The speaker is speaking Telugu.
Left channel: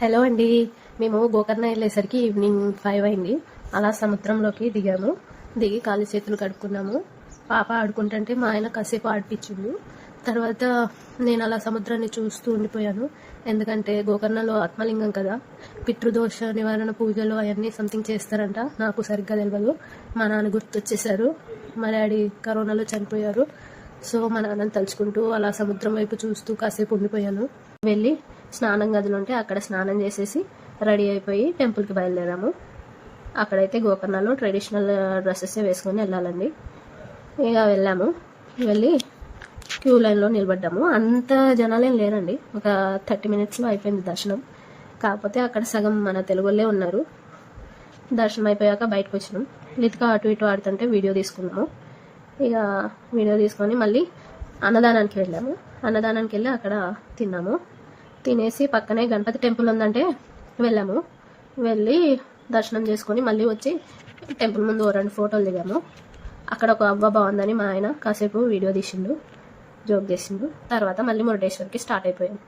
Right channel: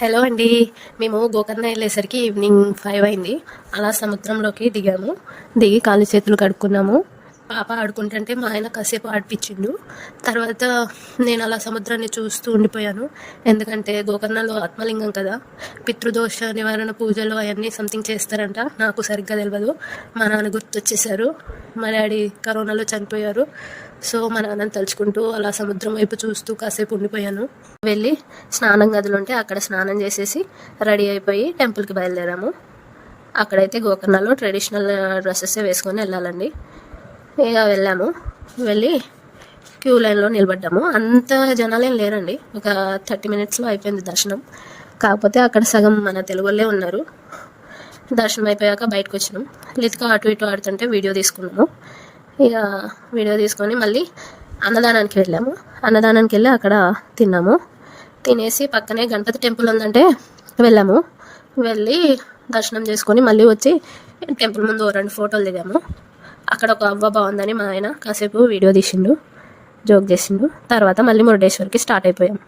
హలో అండి. మేము గోకర్ణ వెళ్ళేసరికి ఈవినింగ్ 5 అయింది. అలా సముద్రంలోకి దిగాము. దిగి కాళ్ళు చేతులు కడుక్కున్నాము. పాప ఆడుకుంటుంటే మా ఆయన కాసేపు ఆడిపించిండు. తర్వాత నేను అలా సముద్రాన్ని చూస్తూ ఉండిపోయాను. ఎందుకంటే గోకర్ణలో ఆత్మలింగం కదా, పితృదోష నివారణ పూజలు అవన్నీ సంథింగ్ చేస్తారంట. నాకు సరిగ్గా తెలియదు. మా నాన్న గుర్తొచ్చేసారు. మా డాడీ కరోనాలో చనిపోయారు. సో మా నాన్నని తలుచుకుంటూ అలా సముద్రం వైపు చూస్తూ కాసేపు ఉండిపోయాను. వెళ్ళి స్నానం గదులు ఉంటే అక్కడ స్నానం చేసేసి రెడీ అయిపోయి టెంపుల్కి బయలుదేరాము. అక్కడైతే గోకర్ణలో ట్రెడిషనల్ డ్రెస్సెస్ వేసుకొని వెళ్ళాలండి. ఇక వెళ్ళాము. వెళ్ళి క్యూ లైన్లో నిలబడ్డాము. అంత జనాలేం లేరండి. ఒక 30 మినిట్స్లో అయిపోయింది దర్శనం. కాకపోతే అక్కడ సగం మన తెలుగు వాళ్ళే ఉన్నారు. దర్శనం అయిపోయాక బయటకు వచ్చినాం. లితిక అటు ఇటు ఆడుతుంటే వీడియో తీసుకున్నాము. ఇక వీడియో తీసుకొని మళ్ళీ అన్నదానానికి వెళ్ళాము. అన్నదానానికి వెళ్ళి అక్కడ తిన్నాము. తినేసి పక్కనే గణపతి టెంపుల్ ఉందంటే వెళ్ళాము. వెళ్ళి దర్శనం చేసుకొని మళ్ళీ వచ్చి టెంపుల్ ముందు 2 ఫోటోలు దిగాము. అక్కడ ఒక అవ్వ బాగుందని మా ఆయన కాసేపు వీడియో తీసిండు, జోక్ చేసిండు. తర్వాత మళ్ళీ మురుడేశ్వర్కి స్టార్ట్ అయిపోయాం.